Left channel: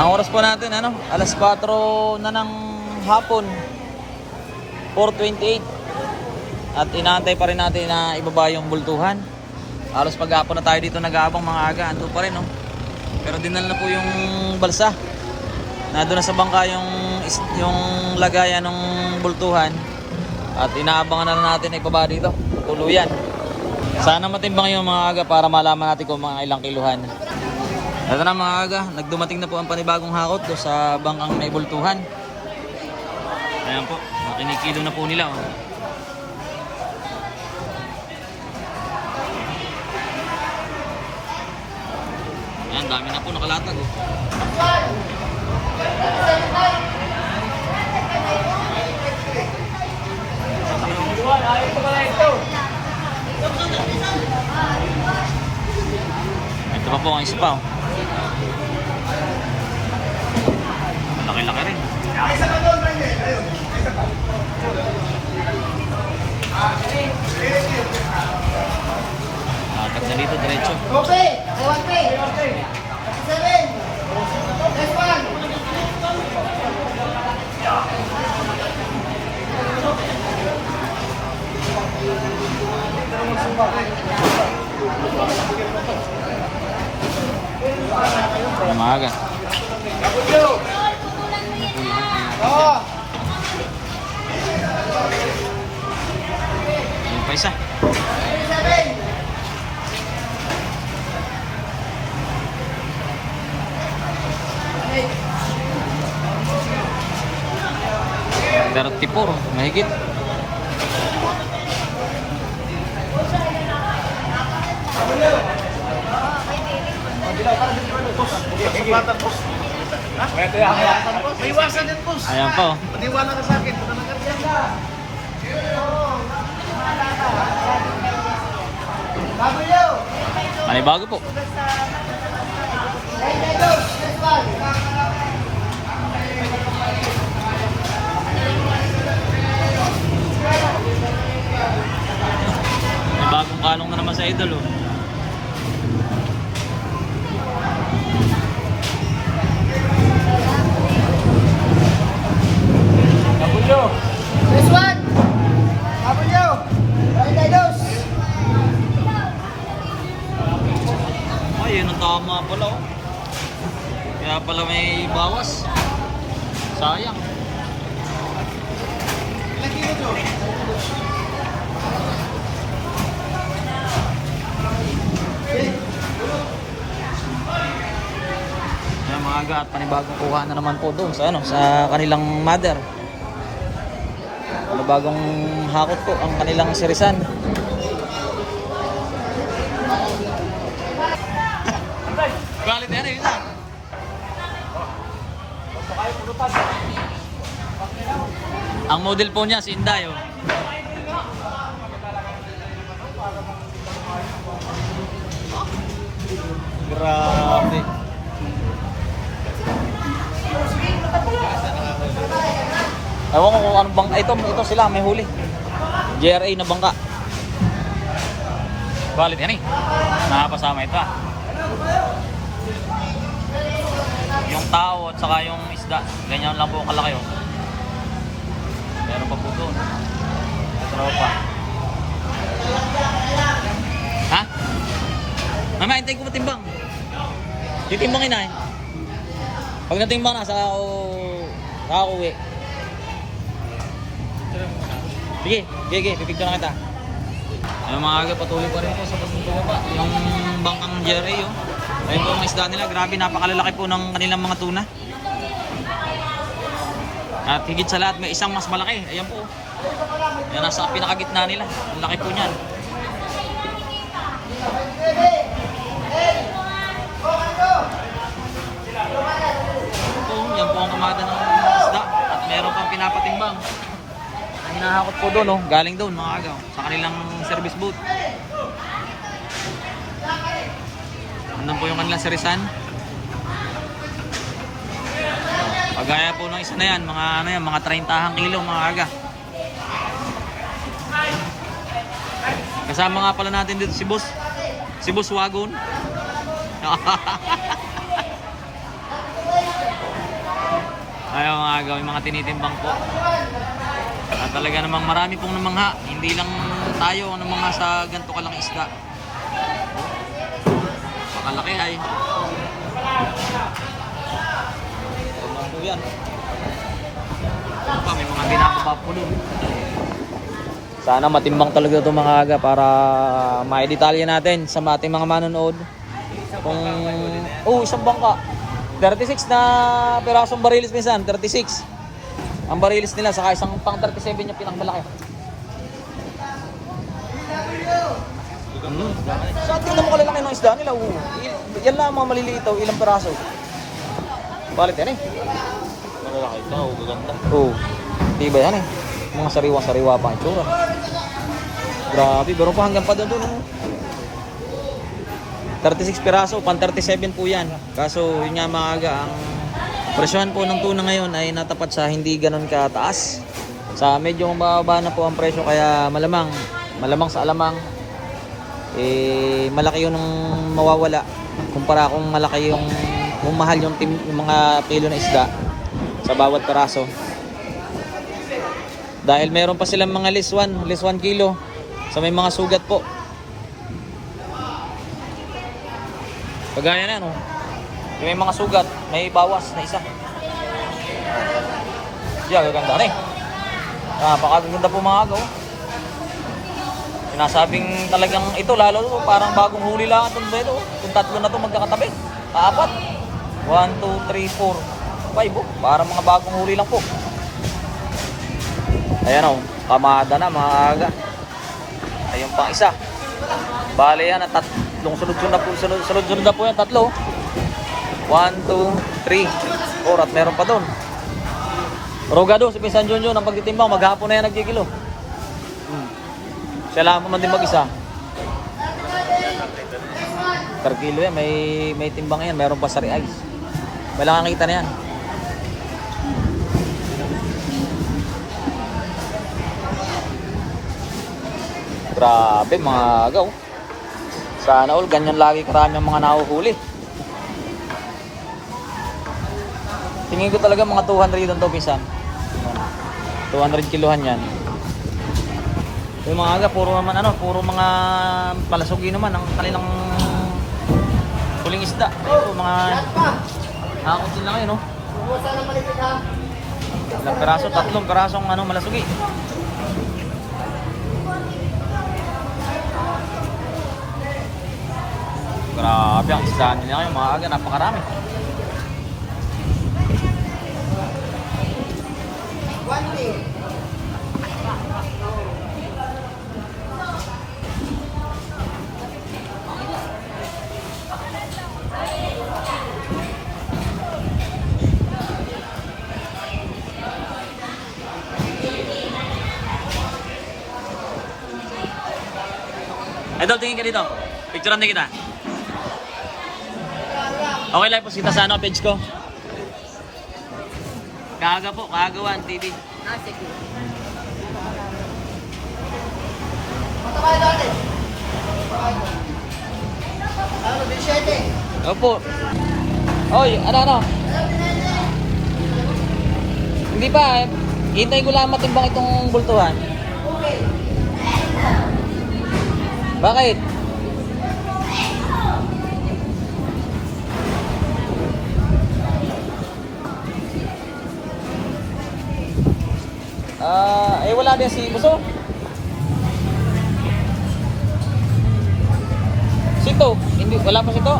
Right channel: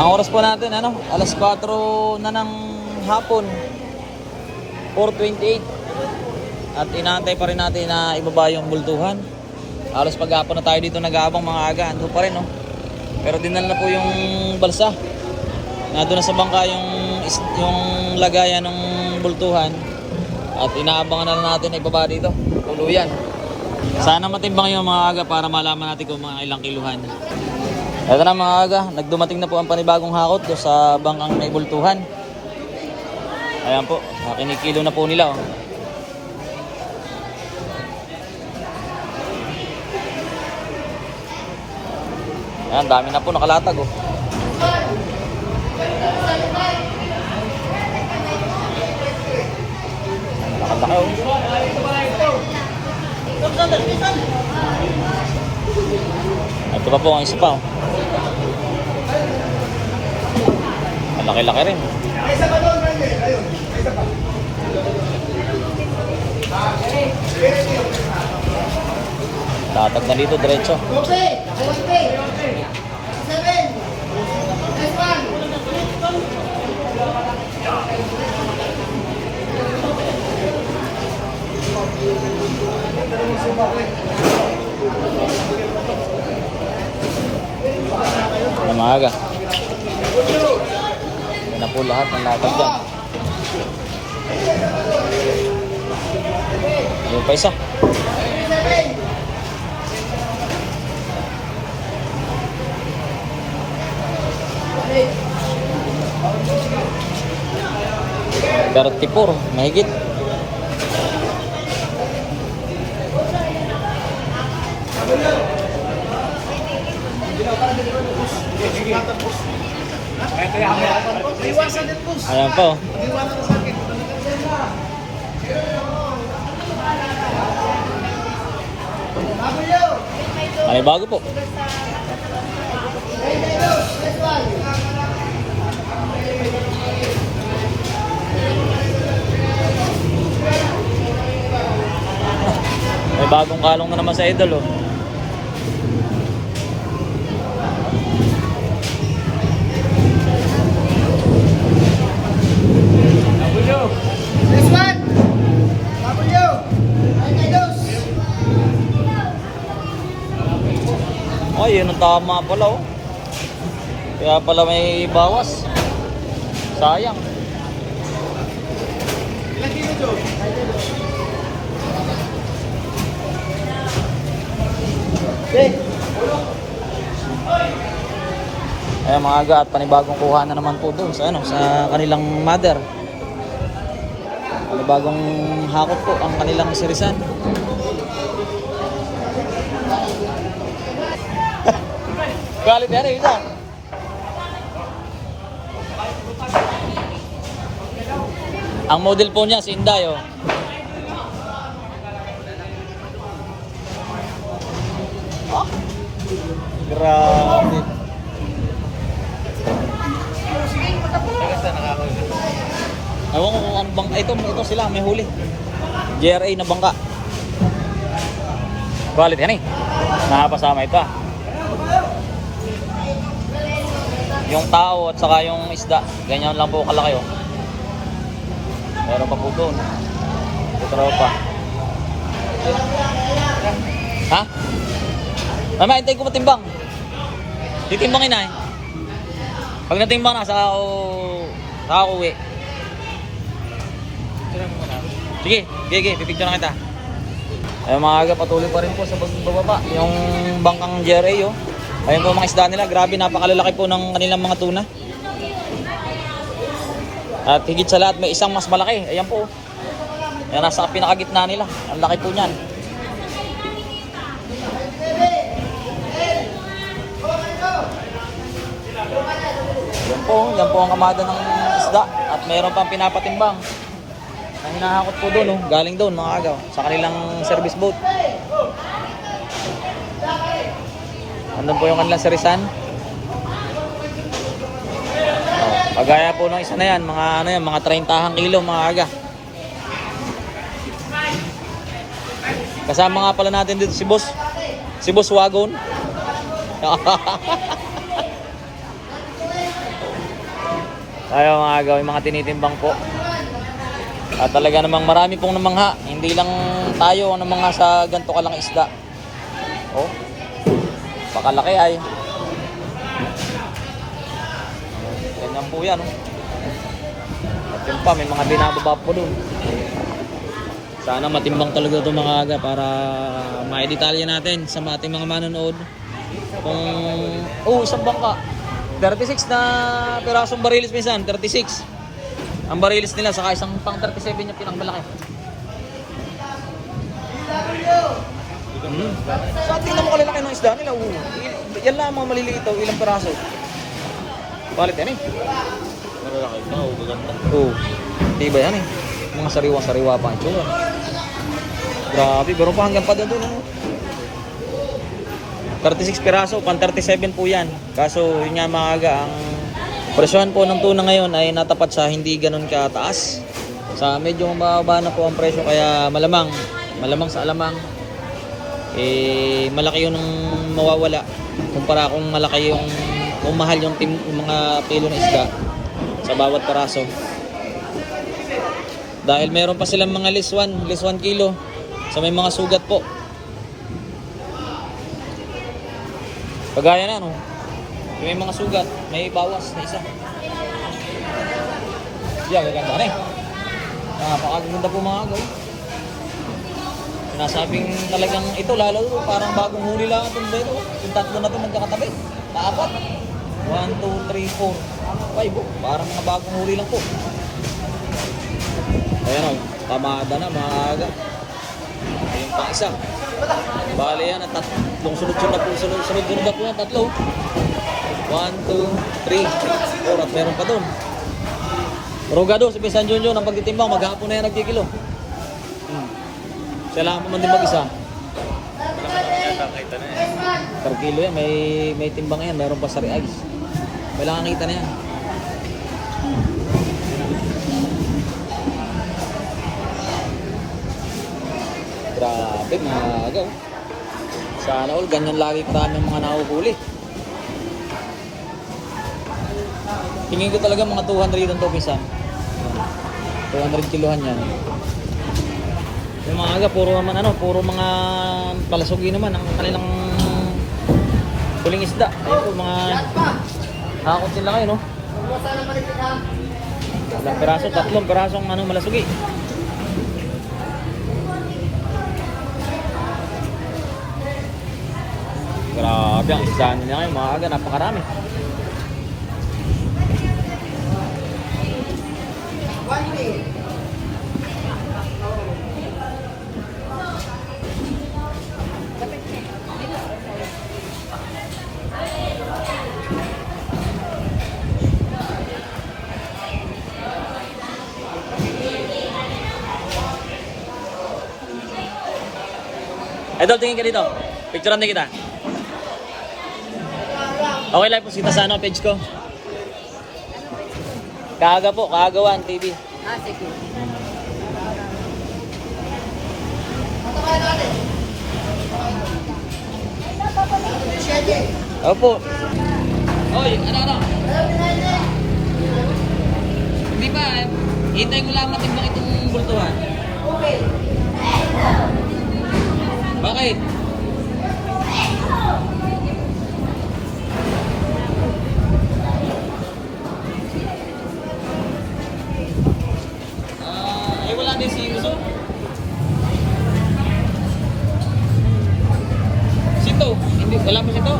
Ang oras po natin, ano, alas 4 na ng hapon, 4:28. At inaantay pa rin natin na ibaba yung bultuhan. Halos paghapon na tayo dito nag-aabang mga aga, ando pa rin, no? Pero dinala na po yung balsa. Nandun na sa bangka yung lagayan ng bultuhan. At inaabangan na natin na ibaba dito, tuluyan. Sana matimbang yung mga aga para malaman natin kung mga ilang kiluhan. Ito na mga aga, nagdumating na po ang panibagong hakot do sa bangkang naibultuhan. Ayan po, kinikilo na po nila. Oh. Ayan, dami na po nakalatag. Oh. Ito pa po ang isa pa. Oh. Malaki-laki rin. Tatag na dito, diretso. Okay, okay. 7. Next one. Umaga. Na po lahat ng latag dyan. Yung pa isa. Pero tipor, mahigit. Ayan po. May bago po. May bagong kalong na naman sa idol, oh. Next one. W. Ay, yun ang tama pala, oh. Kaya pala may bawas. Sayang. Ayan mga aga, at panibagong kuha na naman po doon sa, sa kanilang mother. Panibagong hakot po ang kanilang sirisan. Quality ano yun, ah? Ang model po niya si Inday, oh. Grabe. Ewan ko kung anong bangka. Ito sila, may huli. JRA na bangka. Balit yan eh. Nakapasama ito. Yung tao at saka yung isda, ganyan lang po kalaki, oh. Meron pa po doon. Ito pa. Ha? Mama, hintay ko matimbang. Titimbangin na eh. Pag natimbang na, saka ako uwi. Sige, titignan na kita. Ayun mga aga, patuloy pa rin po sa pagbababa. Yung bangkang JRA, oh. Ayun po mga isda nila. Grabe, napakalalaki po ng kanilang mga tuna. At higit sa lahat, may isang mas malaki. Ayan po. Yan, nasa pinakagitna nila. Ang laki po niyan. Yan po ang kamada ng isda. At mayroon pang pinapatimbang. Ang hinahakot po doon, oh. Galing doon mga agaw. Sa kanilang service boat. Andun po yung kanilang sirisan. Pagaya po ng isa na yan, mga 30 kilo mga aga. Kasama nga pala natin dito si Boss Wagon. aga, may mga tinitimbang po. At talaga namang marami pong namangha. Hindi lang tayo ang namangha sa ganito kalang isda. Oh, pakalaki ay. Ganyan po yan. Yun pa, may mga binababa po doon. Sana matimbang talaga ito mga aga para maidetalya natin sa ating mga manonood. Kung, isang bangka. 36 na pirasong barilis minsan, 36. Ang barilis nila, saka isang pang 37 yung pinakamalaki. So, tingnan mo kalalaki ng isda nila. Yan lang mga maliliit ito, ilang piraso. Balit yan eh. Malalaki ito, gaganda. Diba yan eh. Mga sariwa-sariwa pa ang itsura. Grabe, pero pa hanggang pa doon. 36 piraso, pang 37 po yan. Kaso yun nga mga aga, ang presyohan po ng tuna ngayon ay natapat sa hindi ganun kataas. Sa medyo mababa na po ang presyo, kaya malamang sa alamang malaki yun ang mawawala kumpara kung malaki yung kung mahal yung mga kilo na isda sa bawat piraso. Dahil meron pa silang mga less 1 kilo sa may mga sugat po. Pagaya na no. Yung may mga sugat, may bawas na isa. Siya, gaganda na eh. Napakaganda po mga agaw. Sinasabing talagang ito, lalo parang bagong huli lang itong dito. Kung tatlo na ito magkakatabi. Kaapat. 1, 2, 3, 4, 5. Parang mga bagong huli lang po. Ayan o, tamada na mga aga. Ayun pang isa. Bale yan, tatlong sunod-sunod na po yan, tatlo. 1, 2, 3, 4 at meron pa doon. Rogado, si Pinsan Junjun, ang pagtitimbang, maghapon na yan nagkikilo. Siya lang man din mag-isa. Per kilo yan, may timbang yan, meron pa sa ice. May lang nakita na yan. Grabe mga agaw. Sana all, ganyan lagi karami ang mga nahuhuli. Tingin ko talaga mga 200 dito to Pinsan. 200 kilohan yan. Yung mga aga, puro mga palasugi naman ang kanilang huling isda. Ito mga nakakot nila kayo, no? Ilang peraso, tatlong perasong malasugi. Grabe ang isda nila kayo, mga aga, napakarami. Idol, tingin ka dito. Picturean din kita. Okay lang po kita sa page ko. Kaaga po, Kaagawan TV. Sige. Punta kayo natin. Opo. Oy, ano? Hindi pa eh. Hintayin ko lang matimbang itong bultuhan. Okay. Bakit? Wala din si Buso. Sito, hindi wala pa sito.